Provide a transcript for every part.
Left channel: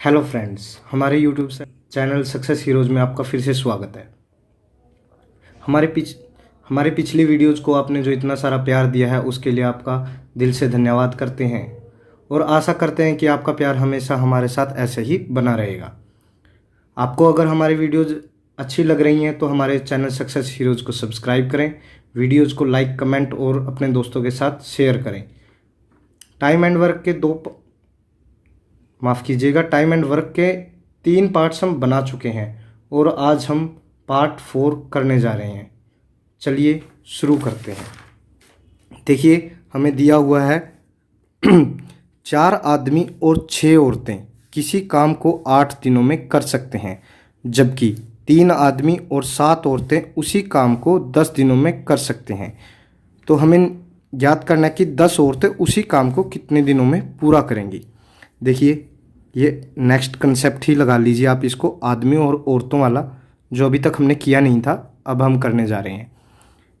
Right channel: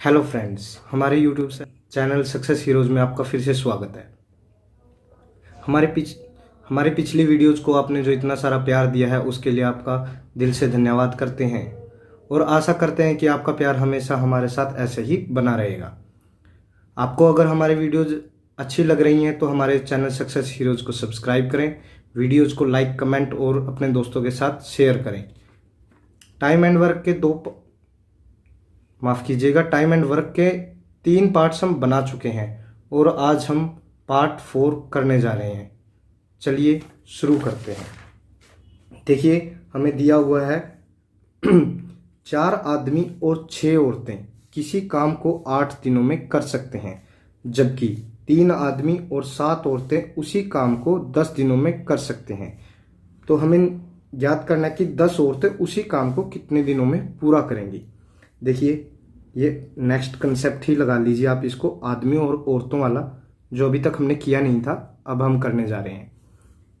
Hello friends, हमारे YouTube channel success heroes में आपका फिर से स्वागत है। हमारे पिछ हमारे पिछली वीडियोज़ को आपने जो इतना सारा प्यार दिया है उसके लिए आपका दिल से धन्यवाद करते हैं और आशा करते हैं कि आपका प्यार हमेशा हमारे साथ ऐसे ही बना रहेगा। आपको अगर हमारे वीडियोज़ अच्छी लग रही हैं तो हमारे चैनल सक्सेस हीरोज़ को सब्सक्राइब करें, वीडियोज़ को लाइक, कमेंट और अपने दोस्तों के साथ शेयर करें। टाइम एंड वर्क के टाइम एंड वर्क के 3 पार्ट्स हम बना चुके हैं और आज हम पार्ट 4 करने जा रहे हैं। चलिए शुरू करते हैं। देखिए, हमें दिया हुआ है 4 आदमी और 6 औरतें किसी काम को 8 दिनों में कर सकते हैं, जबकि 3 आदमी और 7 औरतें उसी काम को 10 दिनों में कर सकते हैं। तो हमें याद करना है कि 10 औरतें उसी काम को कितने दिनों में पूरा करेंगी। देखिए, ये नेक्स्ट कंसेप्ट ही लगा लीजिए आप इसको, आदमियों और औरतों वाला, जो अभी तक हमने किया नहीं था, अब हम करने जा रहे हैं।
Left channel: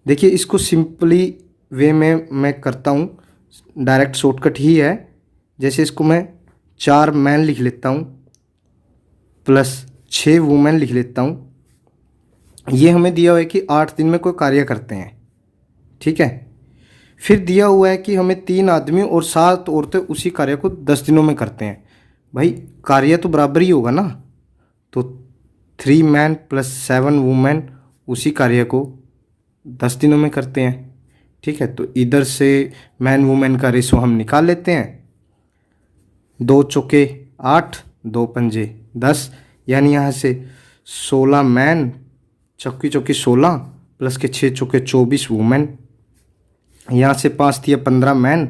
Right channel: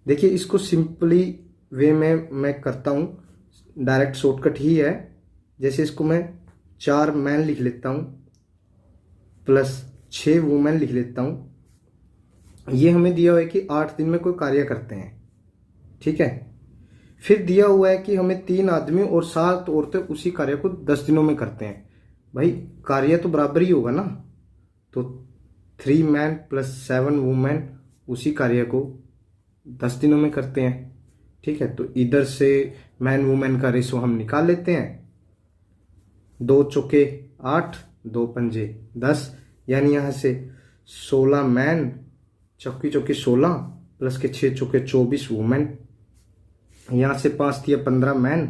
देखिए, इसको सिंपली वे में मैं करता हूँ, डायरेक्ट शॉर्टकट ही है। जैसे इसको मैं 4 मैन लिख लेता हूँ प्लस 6 वुमेन लिख लेता हूँ। ये हमें दिया हुआ है कि 8 दिन में कोई कार्य करते हैं, ठीक है। फिर दिया हुआ है कि हमें 3 आदमी और 7 औरतें उसी कार्य को 10 दिनों में करते हैं। भाई, कार्य तो बराबर ही होगा ना, तो 3 मैन प्लस 7 वुमेन उसी कार्य को 10 दिनों में करते हैं, ठीक है। तो इधर से मैन वुमेन का रेशो हम निकाल लेते हैं। 2 चौके 8, 2 पंजे 10, यानी यहाँ से 16 मैन, चौकी चौकी 16 प्लस के 6 चौके 24 वुमेन। यहाँ से 5 दिया 15 मैन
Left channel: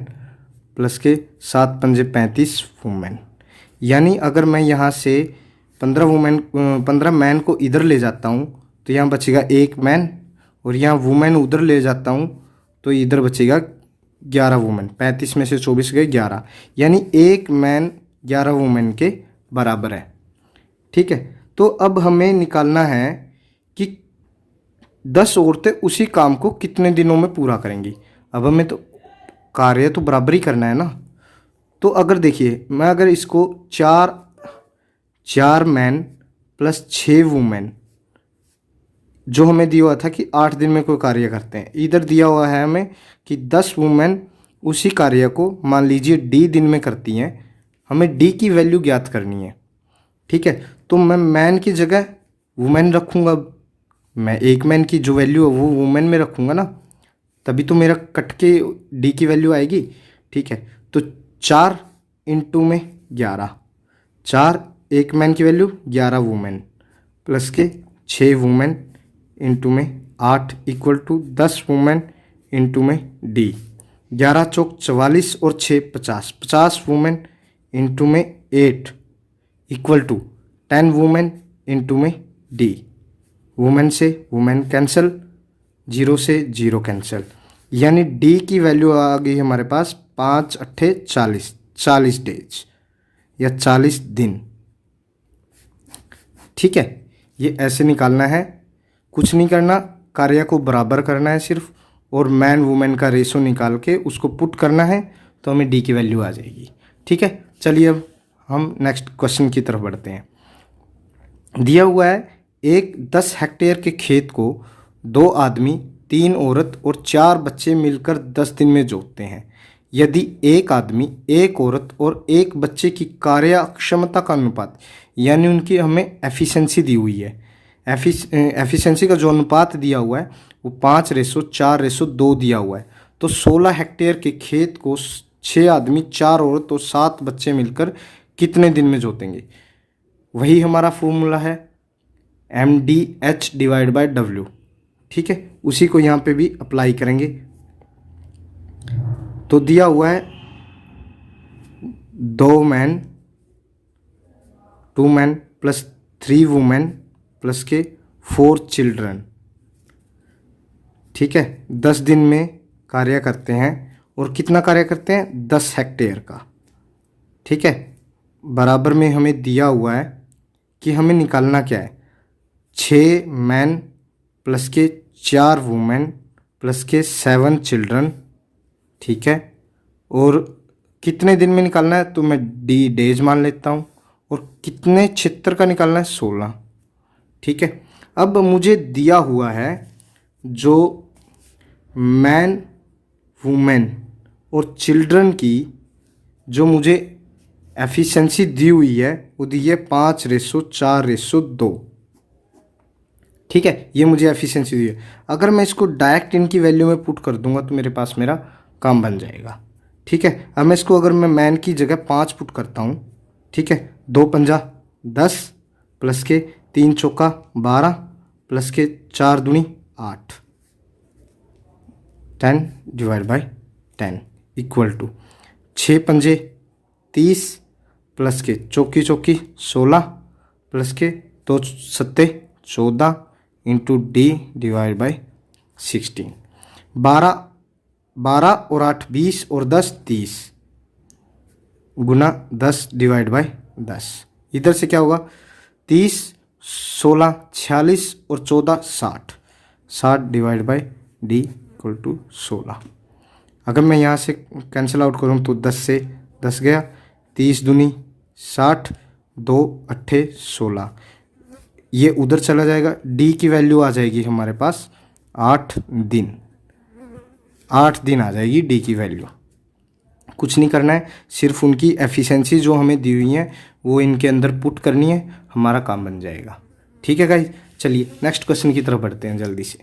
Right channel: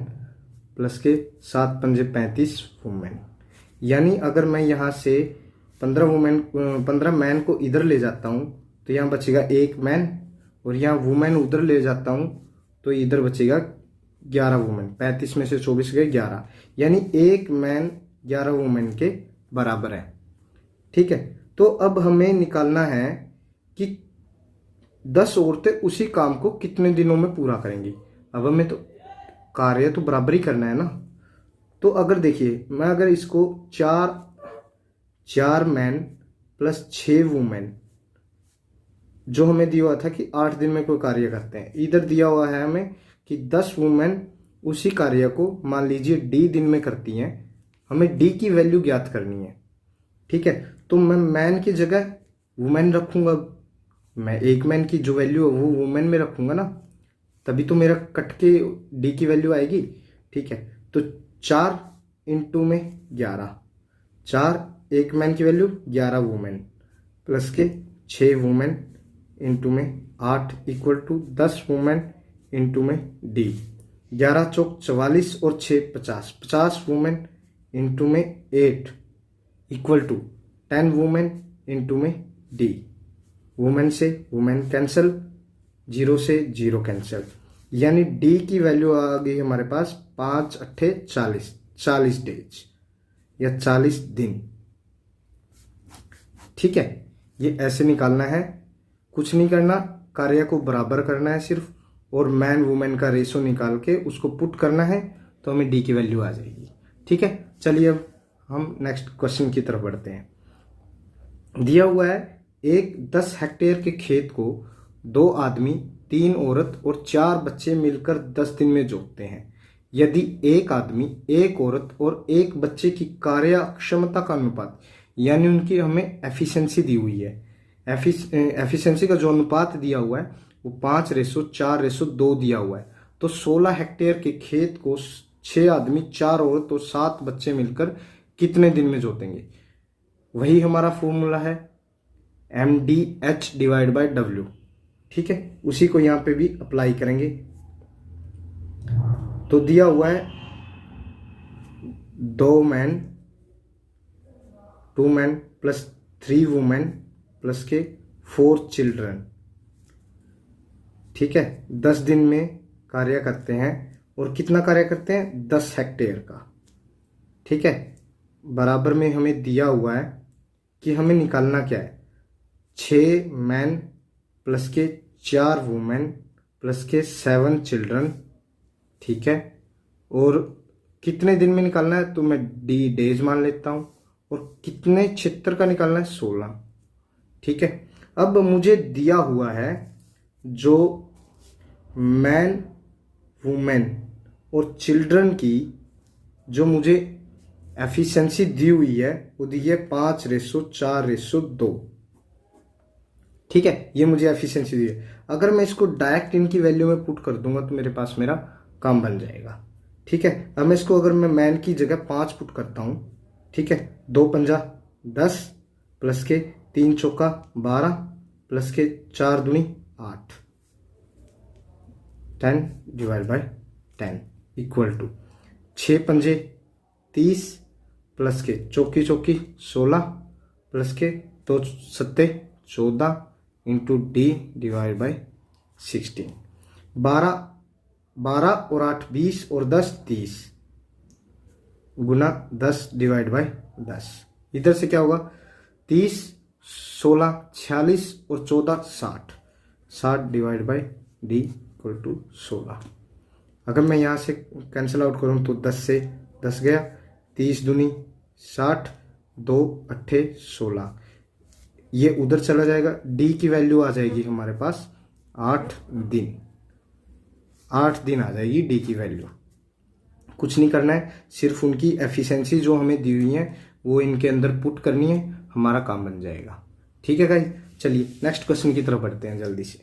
प्लस के 7 पंजे 35 वुमेन। यानी अगर मैं यहाँ से 15 मैन को इधर ले जाता हूँ तो यहाँ बचेगा 1 मैन, और यहाँ वुमेन उधर ले जाता हूँ तो इधर बचेगा 11 वुमेन। 35 में से 24 गए 11, यानी 1 मैन 11 वुमेन के बराबर है, ठीक है। तो अब हमें निकालना है कि 10 औरतें उसी काम को कितने दिनों में पूरा करेंगी। अब हमें तो कार्य तो बराबर ही करना है ना। तो अगर देखिए, मैं अगर इसको 4 मैन प्लस 6 वुमेन, जो हमें दिया हुआ था कि 8 दिन में कोई कार्य करते हैं, इधर दिया हुआ है हमें कि 10 वुमेन उसी कार्य को मान लीजिए डी दिन में करती हैं। हमें डी की वैल्यू ज्ञात करनी है, ठीक है। तो मैं मैन की जगह वुमेन रखूँगा, मैं 1 मैन की जो वैल्यू है वो वुमेन में रखूँगा ना, तभी तो मेरा कट के डी की वैल्यू आएगी, ठीक है। तो 4 इंटू में 11, 4 1 मैन की वैल्यू 11 वुमेन प्लस के 6 वुमेन इंटू में 8 इक्वल टू 10 वुमेन इंटू में डी। 11 चौक 44 और 6 50, 50 वुमेन इंटू में 8 इक्वल टू 10 वुमेन इंटू में डी। वुमेन से वुमेन कैंसिल, 0 से 0 कैंसिल, यानी डी की वैल्यू आ गई हमारे पास 5 अट्ठे 40, 40 डेज या 40 दिन, ठीक है। ये ऐसे निकालना है, कुछ नहीं करना, कार्य को बराबर करना है सिर्फ, और मैन वुमेन का रेशो निकाल के उसको पुट करना है तो हमें डी की वैल्यू आ जाएगी, ठीक है। चलिए अब हम नेक्स्ट क्वेश्चन की तरफ बढ़ते हैं। दिया हुआ है एक 10 हेक्टेयर के खेत को 2 आदमी, 3 औरत और 4 बच्चे मिलकर 10 दिन में जोतते हैं। यदि एक आदमी, एक औरत और एक बच्चे की कार्य क्षमता का अनुपात, यानी उनकी हमें एफिशिएंसी दी हुई है, एफिशिएंसी का जो अनुपात दिया हुआ है वो 5:4:2 दिया हुआ है। तो 16 हेक्टेयर के खेत को 6 आदमी, 4 औरत और 7 बच्चे मिलकर कितने दिन में जोतेंगे। वही हमारा फॉर्मूला है MDH/W, ठीक है। उसी को यहाँ पे भी अप्लाई करेंगे। तो दिया हुआ है 2 man, 2 man plus 3 women plus के 4 चिल्ड्रन, ठीक है। 10 दिन में कार्य करते हैं, और कितना कार्य करते हैं 10 हेक्टेयर का, ठीक है। बराबर में हमें दिया हुआ है कि हमें निकालना क्या है, 6 मैन प्लस के 4 वुमेन प्लस के 7 चिल्ड्रन, ठीक है। और कितने दिन में निकालना है, तो मैं डी डेज मान लेता हूँ, और कितने क्षेत्र का निकालना है, 16। ठीक है, अब मुझे दिया हुआ है जो मैन, वुमेन और चिल्ड्रन की जो मुझे एफिशिएंसी दी हुई है वो दी है 5:4:2। ठीक है, ये मुझे एफिशिएंसी दी है। अगर मैं इसको डायरेक्ट इनकी वैल्यू में पुट कर दूंगा तो मेरे पास मेरा काम बन जाएगा। ठीक है, अब मैं इसको अगर मैं मैन की जगह 5 पुट करता हूँ, ठीक है, 2×5 10 प्लस के 3×4 12 प्लस के 4×2 8, 10/10 इक्वल टू 6×5 30 प्लस के 4×4 16 प्लस के 2×7 14 इंटू D/16। 12 और 8 20 और 10 30 गुना 10/10। इधर से क्या होगा, 30 16 46 और 14 60, 60/D = 16। अगर मैं यहाँ से कैंसिल आउट करूँ तो 10 से 10 गया, 30×2 60, 2 8 16, ये उधर चला जाएगा। डी की वैल्यू आ जाएगी हमारे पास 8 दिन, 8 दिन आ जाएगी डी की वैल्यू। कुछ नहीं करना है, सिर्फ उनकी एफिशिएंसी जो हमें दी हुई है वो इनके अंदर पुट करनी है, हमारा काम बन जाएगा। ठीक है गाइस, चलिए नेक्स्ट क्वेश्चन की तरफ बढ़ते हैं जल्दी से।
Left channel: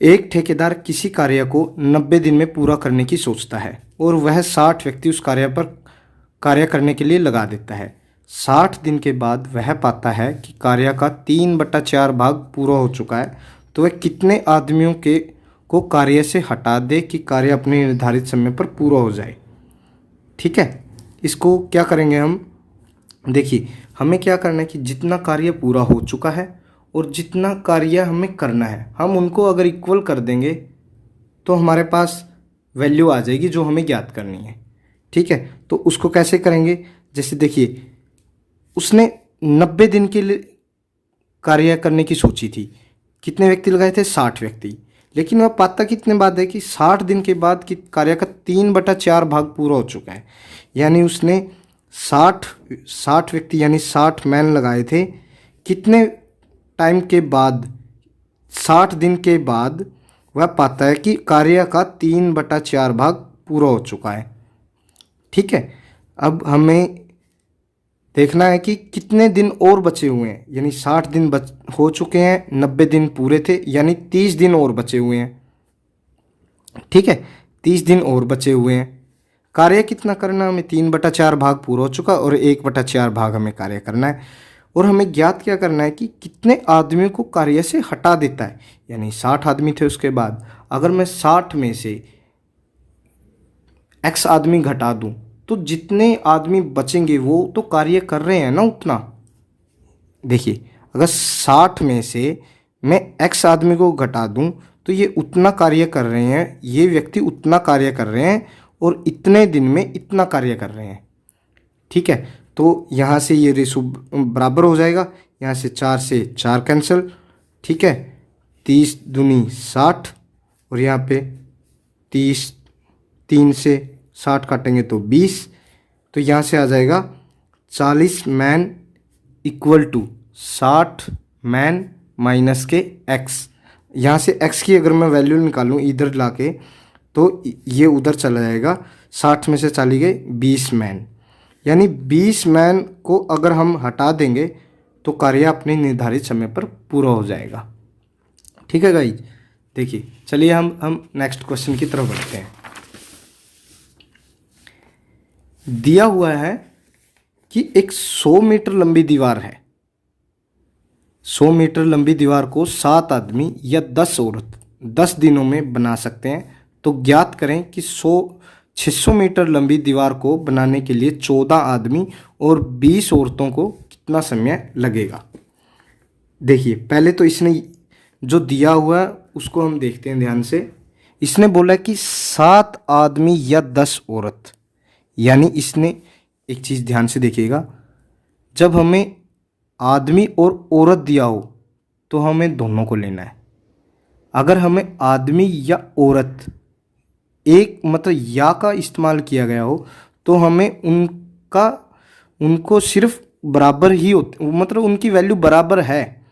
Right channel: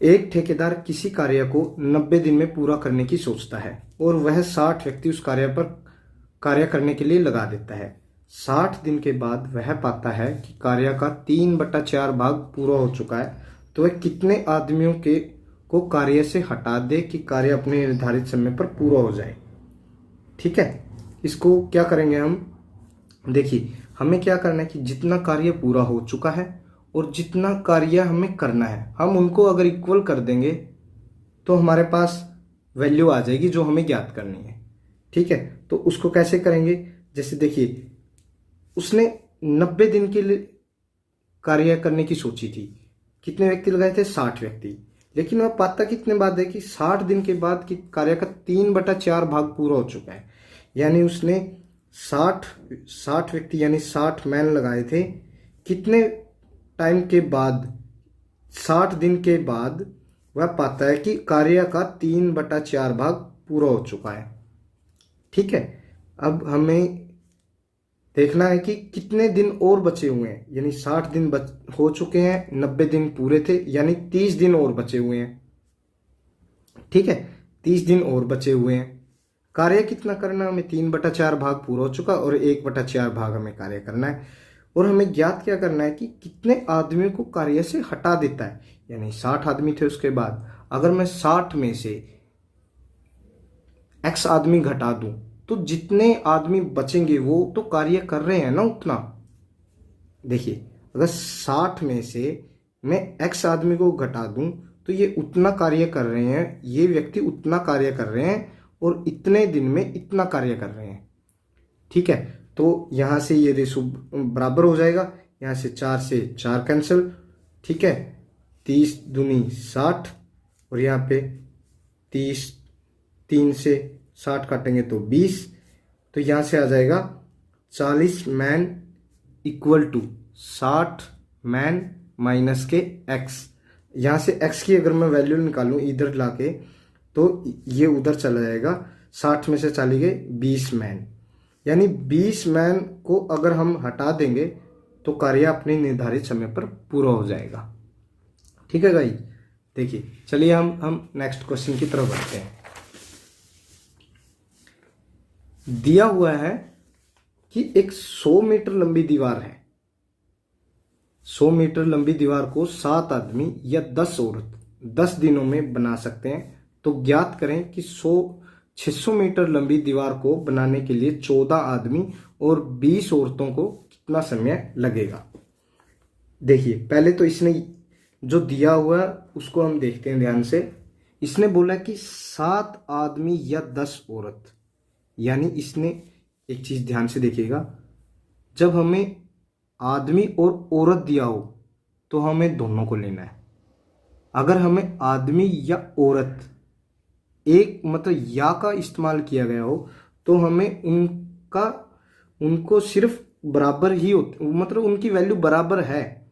एक ठेकेदार किसी कार्य को 90 दिन में पूरा करने की सोचता है और वह 60 व्यक्ति उस कार्य करने के लिए लगा देता है। 60 दिन के बाद वह पाता है कि कार्य का 3/4 भाग पूरा हो चुका है, तो वह कितने आदमियों को कार्य से हटा दे कि कार्य अपने निर्धारित समय पर पूरा हो जाए। ठीक है, इसको क्या करेंगे हम, देखिए हमें क्या करना है कि जितना कार्य पूरा हो चुका है और जितना कार्य हमें करना है, हम उनको अगर इक्वल कर देंगे तो हमारे पास वैल्यू आ जाएगी जो हमें ज्ञात करनी है। ठीक है, तो उसको कैसे करेंगे, जैसे देखिए उसने 90 दिन के लिए कार्य करने की सोची थी, कितने व्यक्ति लगाए थे, 60 व्यक्ति, लेकिन वह पाता कितने बाद है कि 60 दिन के बाद कि कार्य का 3/4 भाग पूरा हो चुका है। यानी उसने 60 व्यक्ति यानी 60 मैन लगाए थे, कितने टाइम के बाद, 60 दिन के बाद वह पाता है कि कार्य का 3/4 भाग पूरा हो चुका है। ठीक है, अब हमें देखना है कि कितने दिन और बचे हुए हैं, यानी 60 दिन हो चुके हैं, 90 दिन पूरे थे, यानी 30 दिन और बचे हुए हैं। ठीक है, 30 दिन और बचे हुए हैं। कार्य कितना करना हमें, 3/4 भाग पूरा हो चुका और 1/4 भाग हमें कार्य करना है। और हमें ज्ञात क्या करना है कि कितने आदमियों को कार्य से हटा देता है, यानी 60 आदमी थे, उसके बाद अगर मैं 60 में से x आदमी घटा दूं तो जितने आदमी बचेंगे वो तो कार्य कर रहे हैं ना उतना। देखिए अगर 60 में से मैं x आदमी को घटा दूं तो ये उतना कार्य कर रहे हैं, ये व्यक्ति उतना कार्य कर रहे हैं और इतने दिन में इतना कार्य कर रहे हैं। ठीक है, तो यहाँ से ये रेशो बराबर हो जाएगा, यहाँ से 4 से 4 कैंसिल। ठीक है, 30×2 60 और यहाँ पे 30, 3 से 60 काटेंगे तो 20, तो यहाँ से आ जाएगा 40 man equal to 60 man minus के x। यहाँ से x की अगर मैं वैल्यू निकालूँ इधर लाके तो ये उधर चला जाएगा, 60 में से चली गई 20 मैन, यानी 20 मैन को अगर हम हटा देंगे तो कार्य अपने निर्धारित समय पर पूरा हो जाएगा। ठीक है गाइस, देखिए चलिए हम नेक्स्ट क्वेश्चन की तरफ बढ़ते हैं। दिया हुआ है कि एक 100 मीटर लंबी दीवार है, 100 मीटर लंबी दीवार को 7 आदमी या 10 औरत 10 दिनों में बना सकते हैं, तो ज्ञात करें कि 600 मीटर लंबी दीवार को बनाने के लिए 14 आदमी और 20 औरतों को कितना समय लगेगा। देखिए पहले तो इसने जो दिया हुआ है उसको हम देखते हैं ध्यान से। इसने बोला कि 7 आदमी या 10 औरत, यानी इसने एक चीज़ ध्यान से देखिएगा, जब हमें आदमी और औरत दिया हो तो हमें दोनों को लेना है। अगर हमें आदमी या औरत एक मतलब या का इस्तेमाल किया गया हो तो हमें उनका उनको सिर्फ बराबर ही मतलब उनकी वैल्यू बराबर है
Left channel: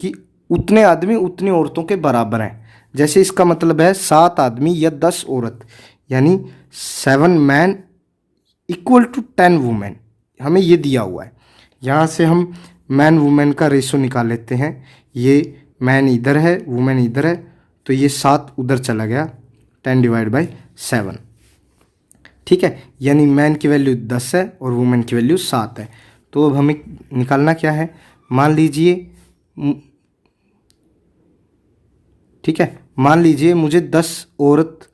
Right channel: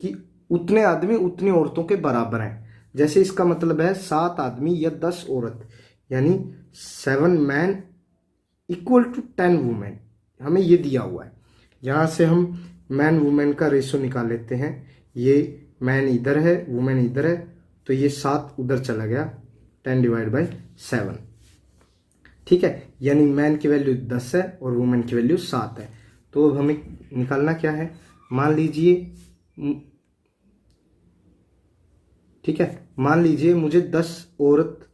कि उतने आदमी उतनी औरतों के बराबर हैं। जैसे इसका मतलब है 7 आदमी या 10 औरत, यानी 7 मैन इक्वल टू 10 वुमेन, हमें ये दिया हुआ है। यहाँ से हम मैन वुमेन का रेशो निकाल लेते हैं। ये मैन इधर है, वुमेन इधर है, तो ये 7 उधर चला गया, 10 डिवाइड बाई 7। ठीक है, यानी मैन की वैल्यू 10 है और वुमेन की वैल्यू 7 है। तो अब हमें निकालना क्या है, मान लीजिए, ठीक है, मान लीजिए मुझे 10 औरत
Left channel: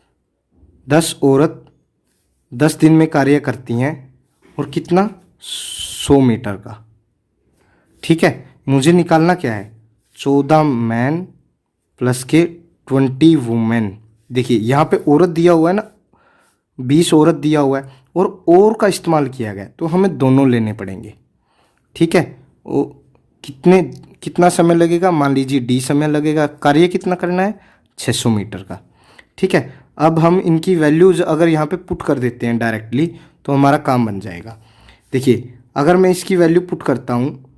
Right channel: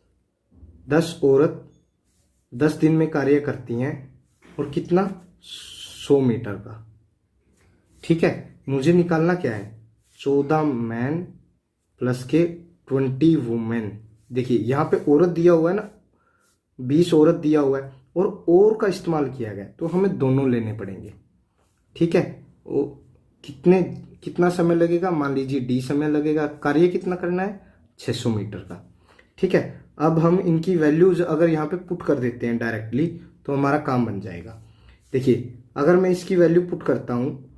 10 दिन में कार्य करती हैं और कितना, 100 मीटर का। ठीक है, मुझे निकालना क्या है, 14 मैन प्लस के 20 वुमेन। देखिए यहाँ पे औरत दिया हुआ है ना, 20 औरत दिया हुआ है और का इस्तेमाल किया गया, तो हमें दोनों लेने पड़ेंगे। ठीक है, वो कितना समय लगेगा, मान लीजिए डी समय लगेगा। कार्य कितना करना है, 600 मीटर का। ठीक है, अब हम इनकी वैल्यूज अगर यहाँ पे पुट कर देते हैं डायरेक्टली, तो हमारा काम बन जाएगा। देखिए अगर मैं इसकी वैल्यू पुट करता हूँ,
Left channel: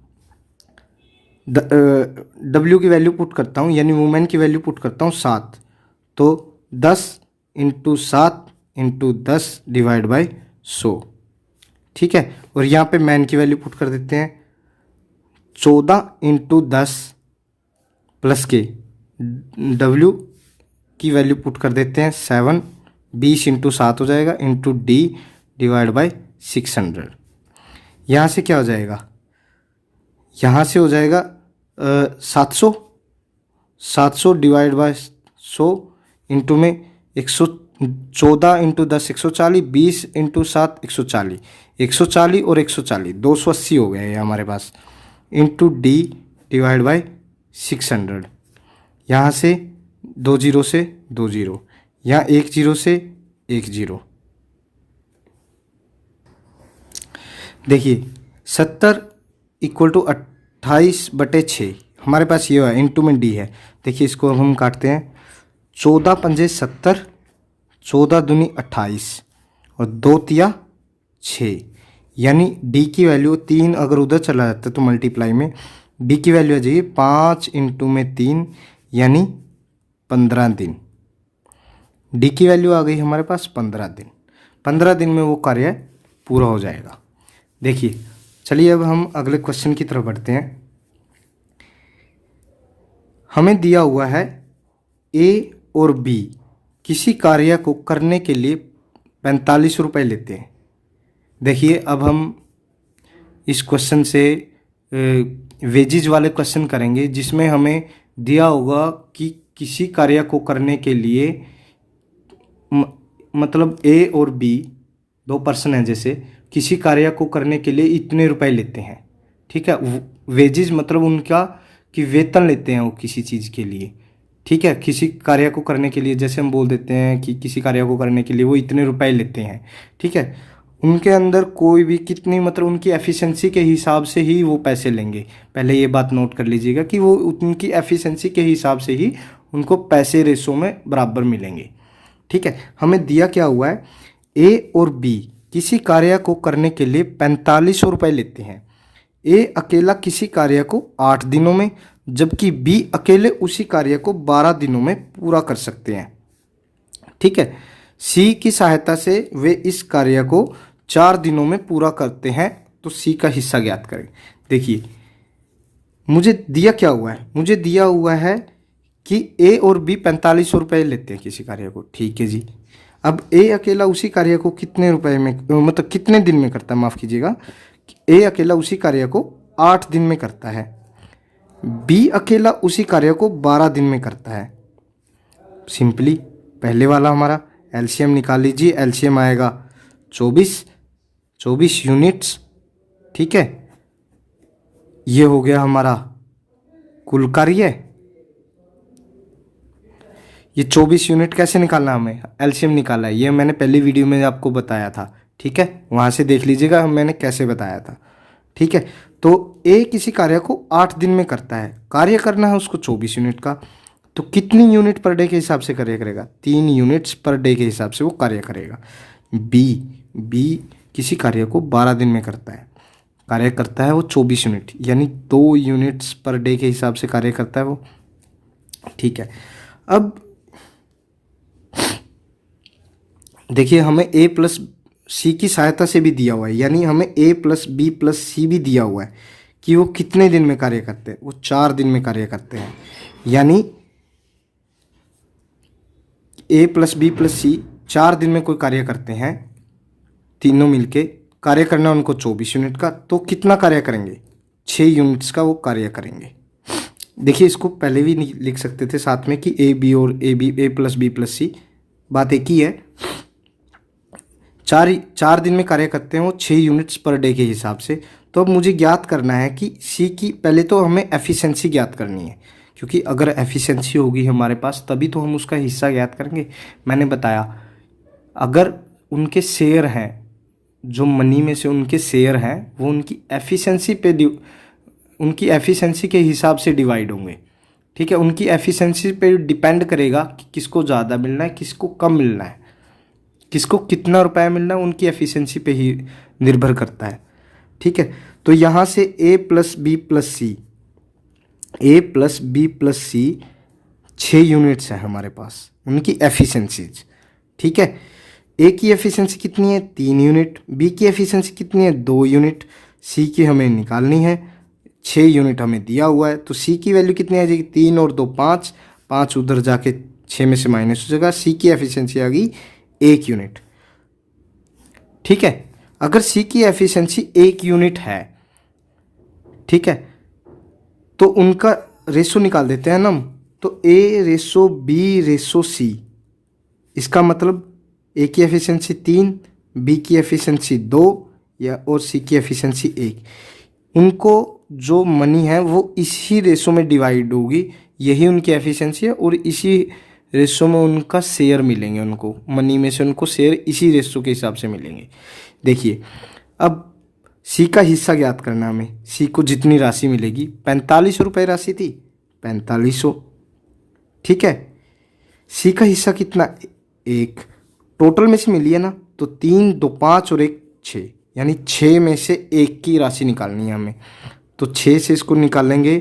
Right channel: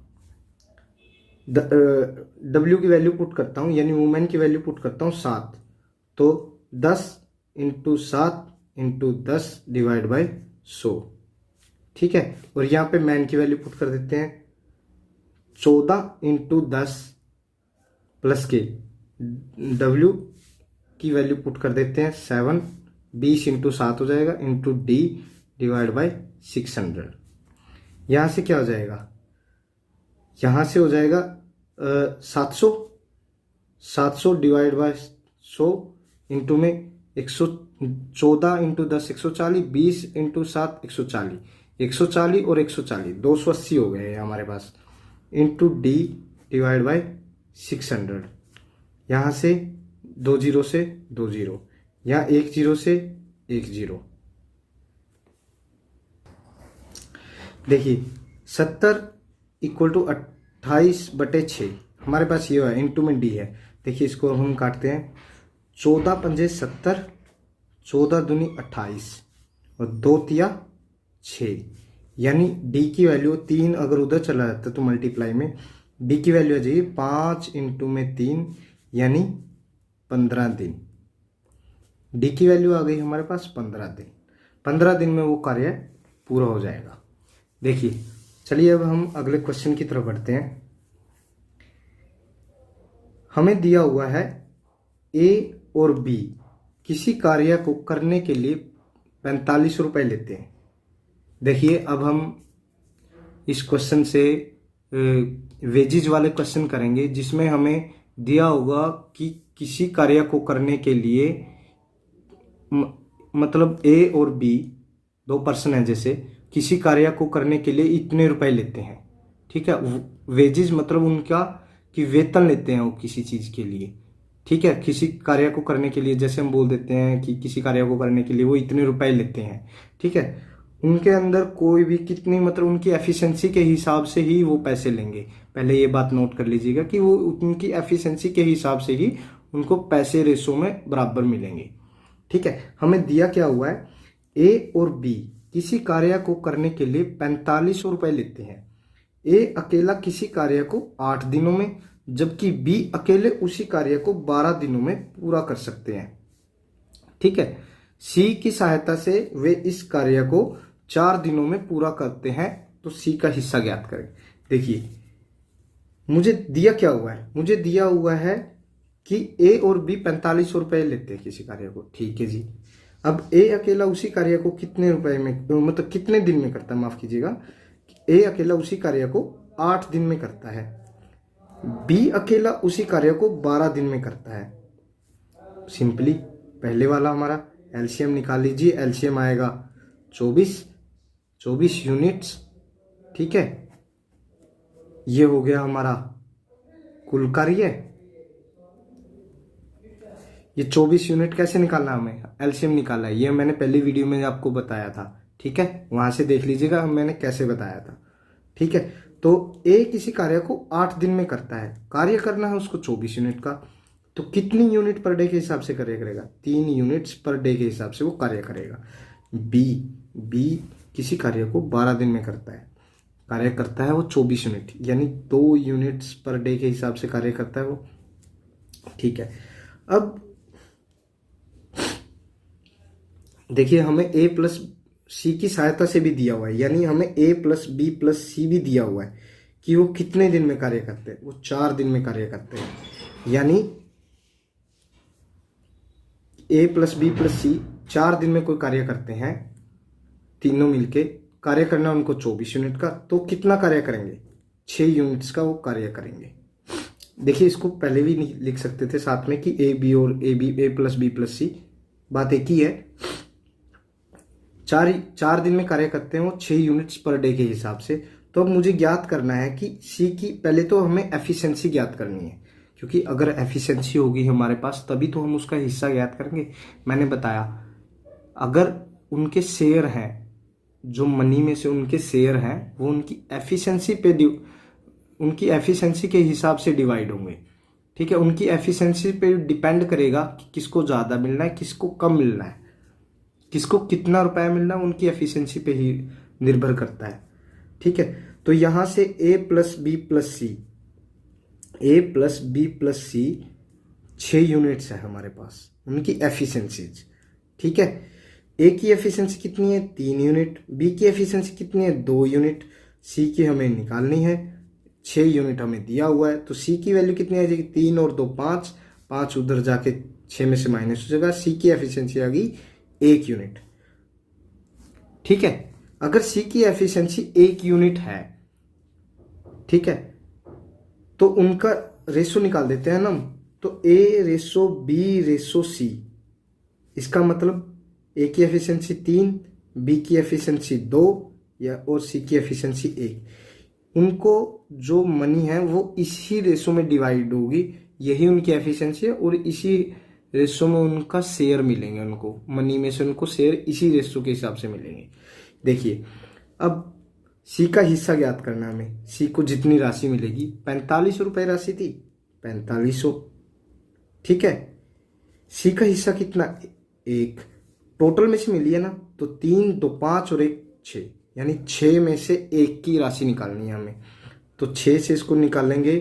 डब्ल्यू की वैल्यू पुट करता हूँ, यानी वुमेन की वैल्यू पुट करता हूँ 7, तो 10 इंटू 7 इंटू 10 डिवाइड बाई 100। ठीक है, और यहाँ पे मैन की वैल्यू पुट कर देते हैं, 14 इंटू 10 प्लस के डब्ल्यू की वैल्यू पुट कर देते हैं 7, 20 इंटू 7 हो जाएगा, इंटू डी डिवाइड बाई 600। यहाँ से क्या हो जाएगा, यहाँ से हो जाएगा 700 डिवाइड बाय 100 इंटू में 114 इंटू 10 140, 20 इंटू 7 140, 140 और 140 280 हो गए हैं हमारे पास, इंटू डी डिवाइड बाई 600। यहाँ से 2 जीरो से 2 जीरो, यहाँ 1 जीरो से 1 जीरो। देखिए 70 इक्वल टू 28/6 हमारे पास ये है, इंटू में डी है। देखिए इसको हम काटते हैं, 14 पंजे 70, 14 दूनी 28 और 2 तिया 6, यानी डी की वैल्यू 3 अगर उधर चला जाता है तो मल्टीप्लाई में डी की वैल्यू आ जाइए 5 इंटू में 3, यानी 15 दिन। डी की वैल्यू आ गई हमारे पास 15 दिन। 15 दिन में वो कार्य पूरा हो जाएगा। देखिए चलिए अब हम अगले क्वेश्चन की तरफ बढ़ते हैं। हमें दिया हुआ है ए और बी किसी कार्य को करने के लिए 45 रुपये लेते हैं। देखिए अब हम इस क्वेश्चन से वेजिज वाले क्वेश्चन करेंगे, जिसमें हमें दिया होगा कि किसी कार्य को करने के लिए मतलब ए और बी 2 पर्सन हैं, जैसे किसी कार्य को करने के लिए इतने रुपए लेते हैं। ठीक है, वेजेज मतलब उनका कि वेतन लेते हैं वो किसी चीज़ के लिए। ठीक है, किसी कार्य को करने के लिए जैसे हम बोल देते हैं कि किसी कार्य को करने के लिए वो इतने रुपए लेते हैं। ठीक है, उनके अंदर कोई भी कितनी मतलब उनकी एफिशिएंसी के हिसाब से ही वो पैसे लेंगे। पहले ये बात नोट कर लीजिएगा कि वो उनकी एफिशिएंसी के हिसाब से ही उनको पैसे रेशो में बराबर मिलेंगे। ठीक है, हमें दिया क्या हुआ है, ए और बी किसी कार्य को करने के लिए 4500 रुपये लेते हैं। ए अकेला किसी कार्य को 8 दिनों में, जबकि बी अकेले उसी कार्य को 12 दिनों में पूरा कर सकते हैं। ठीक है, सी की सहायता से वे इस कार्य को 4 दिनों में पूरा करते हैं, तो सी का हिस्सा ज्ञात करें। देखिए मुझे दिया क्या हुआ है, मुझे दिया हुआ है कि ए और बी 4500 रुपये लेते हैं किसी कार्य को। ठीक है जी, अब ए अकेला उसी कार्य को कितने रुपए में मतलब कितने दिन में करता है, माफ़ कीजिएगा, ए अकेला उसी कार्य को 8 दिन में करता है, बी अकेला उसी कार्य को 12 दिन में करता है। सिंपली पहले वाला हमारा एलसीएम निकाल लीजिए, एलसीएम आएगा 24 यूनिट्स। ठीक है, ये हो गया हमारा कुल कार्य। ये 24 यूनिट कैसे निकालना, हमें एलसीएम निकाला है, ये मैंने पहली वीडियो में आपको बताया था। ठीक है, वहाँ से देख लीजिएगा मैंने कैसे बताया था। ठीक है, तो ए किसी कार्य को 8 दिन में करता है, कार्य करना है उसको 24 यूनिट का, तो कितनी यूनिट पर डे के हिसाब से कार्य करेगा, 3 यूनिट्स पर डे के हिसाब से वो कार्य करेगा। बी किसी कार्य को 12 दिन में करता है, कार्य करता है वो 24 यूनिट, यानी 2 यूनिट्स पर डे के हिसाब से कार्य करता है वो। ठीक है, अब देखिए हमें ए प्लस सी की सहायता से भी दिया हुआ है, यानी हमें ए प्लस बी प्लस सी भी दिया हुआ है कि वो कितने दिन में कार्य करते हैं। वो 4 दिन में कार्य करते हैं, यानी ए प्लस बी प्लस सी 4 दिन में कोई कार्य करते हैं, तीनों मिलके कार्य करना उनको 24 यूनिट का, तो कितना कार्य करेंगे, 6 यूनिट्स का वो कार्य करेंगे। देखिए इसको पहले भी लिख सकते थे साथ में कि ए बी और ए प्लस बी प्लस सी, बात एक ही है। 4 दिन में कार्य करते हैं वो 6 यूनिट्स पर डे के हिसाब से। तो अब मुझे ज्ञात करना है कि सी की, पहले तो हमें एफिशिएंसी ज्ञात करनी है, क्योंकि अगर एफिशिएंसी होगी हमारे पास तभी तो हम उसका हिस्सा ज्ञात करेंगे। मैंने बताया अगर उनके शेयर हैं, जो मनी में से उनके शेयर हैं वो उनकी एफिशिएंसी के हिसाब से डिवाइड होंगे। ठीक है, उनकी एफिशिएंसी पे डिपेंड करेगा कि किसको ज़्यादा मिलना है, किसको कम मिलना है, किसको कितना रुपया मिलना है, उनकी एफिशिएंसी पे ही निर्भर करता है। ठीक है, तो यहाँ से ए प्लस बी प्लस सी, ए प्लस बी प्लस सी 6 यूनिट्स है हमारे पास, उनकी एफिशिएंसीज। ठीक है, ए की एफिशिएंसी कितनी है, 3 यूनिट, बी की एफिशिएंसी कितनी है, 2 यूनिट, सी की हमें निकालनी है, 6 यूनिट हमें दिया हुआ है। तो सी की वैल्यू कितनी आ जाएगी, 3 और 2 5, 5 उधर जाके 6 में से माइनस हो जाएगा, सी की एफिशिएंसी आ गई 1 यूनिट। ठीक है, अगर सी की एफिशिएंसी 1 यूनिट है, ठीक है, तो उनका रेशो निकाल देते हैं ना हम। तो ए रेशो बी रेशो सी, इसका मतलब ए की एफिशिएंसी 3, बी की एफिशिएंसी 2 या और सी की एफिशिएंसी 1। उनको जो मनी है वो इसी रेशो में डिवाइड होगी, यही उनकी एफिशिएंसी है, और इसी रेशो में उनका शेयर मिलेंगे, उनको मनी में से उनको शेयर इसी रेशो के हिसाब से मिलेंगे। देखिए अब सी का हिस्सा ज्ञात करना हमें। सी को जितनी राशि मिलेगी, 45 रुपये राशि थी, 4500। ठीक है, सी का हिस्सा कितना, 1, टोटल में से मिली है ना, तो 3 2 5 और 1 6, यानी 6 में से 1 की राशि निकालनी है हमें। तो 6 से इसको निकालेंगे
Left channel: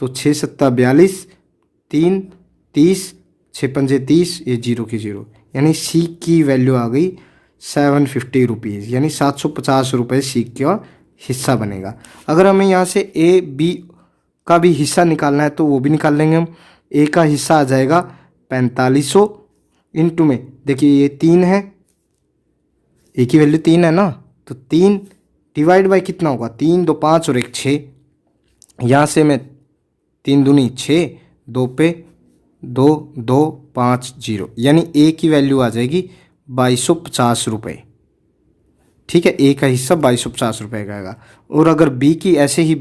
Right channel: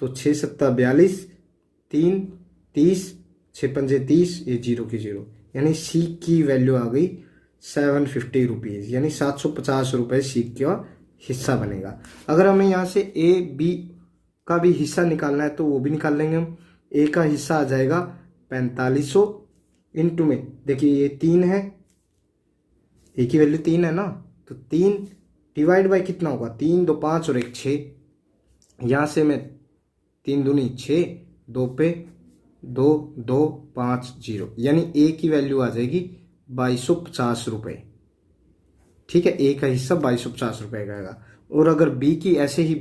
तो 6 7 42, 3 30, 6 पंजे 30, ये 0 की 0, यानी सी की वैल्यू आ गई 750 रुपीज़, यानी 750 रुपये सी का हिस्सा बनेगा। अगर हमें यहाँ से ए बी का भी हिस्सा निकालना है तो वो भी निकाल लेंगे हम। ए का हिस्सा आ जाएगा 4500 इंटू में, देखिए ये 3 है, ए की वैल्यू 3 है ना, तो 3 डिवाइड बाई कितना होगा, 3 2 5 और 1 6, यहाँ से मैं 3 दूनी 6, 2 पे 2 2 5 0, यानी ए की वैल्यू आ जाएगी 2250 रुपये। ठीक है, ए का हिस्सा 2250 रुपये का आएगा। और अगर बी की, ऐसे ही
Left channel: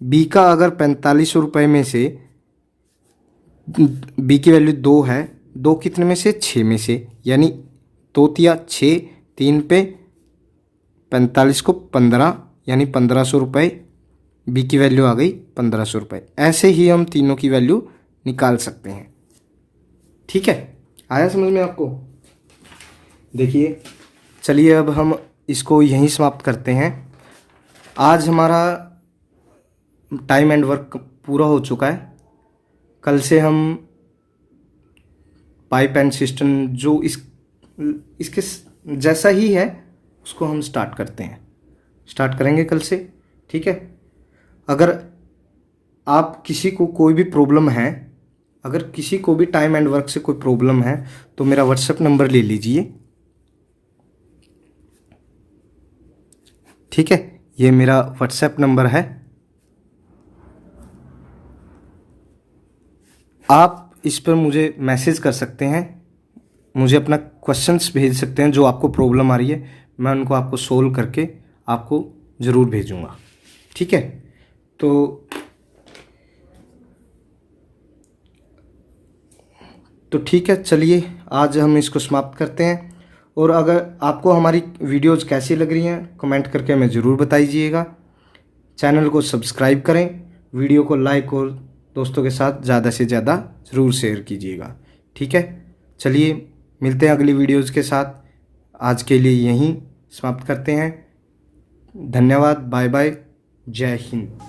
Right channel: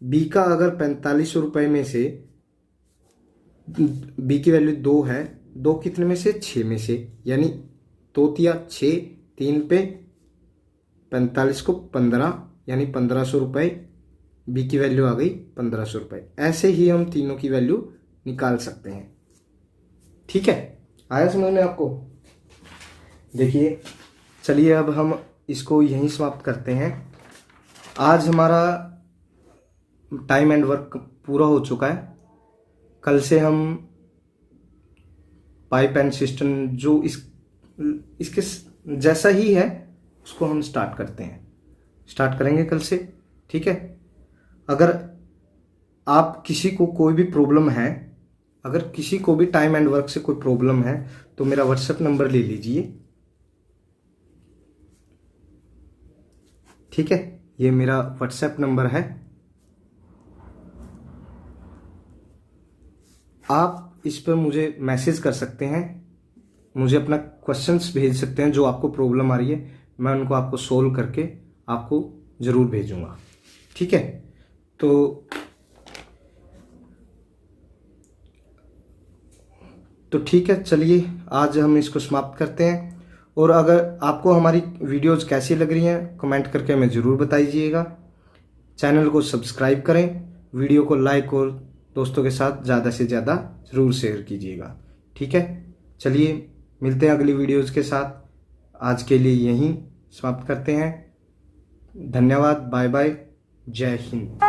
बी का अगर 4500 रुपये में से, बी की वैल्यू 2 है, 2 कितने में से, 6 में से, यानी 2 तिया 6, 3 पे 45 को 15, यानी 1500 रुपये, बी की वैल्यू आ गई 1500 रुपये। ऐसे ही हम तीनों की वैल्यू निकाल सकते हैं। ठीक है, आया समझ में आपको। देखिए चलिए अब हम इसको यहीं समाप्त करते हैं। आज हमारा टाइम एंड वर्क पूरा हो चुका है। कल से हम पाइप एंड सिस्टम जो इसके जैसा ही है उसको हम स्टार्ट करेंगे कल से। ठीक है, अगर आप किसी को कोई भी प्रॉब्लम है, अगर किसी को भी टाइम एंड वर्क से कोई प्रॉब्लम है तो मेरा व्हाट्सएप नंबर ले लीजिए। ठीक है, ये मेरा व्हाट्सएप नंबर है। आप इस पर मुझे मैसेज कर सकते हैं, मुझे अपना क्वेश्चंस भेज सकते हैं, जो आपको प्रॉब्लम आ रही है मैं उनको आपको सोल्व करके आपको ज़रूर भेजूँगा। ठीक है, तो ठीक है, चलिए आज हम इसको समाप्त करते हैं। और अगर आपको हमारी वीडियोज़ कैसी लग रही हैं कमेंट करके हमें ज़रूर बताइएगा। चैनल को सब्सक्राइब करें, वीडियो को लाइक और दोस्तों के साथ ज़्यादा से ज़्यादा ज़रूर शेयर कीजिएगा। ठीक है, चलिए मिलते हैं अगली वीडियोज़ के साथ। आज के लिए यहीं समाप्त करते हैं। धन्यवाद, बाय बाय, जय हिंद।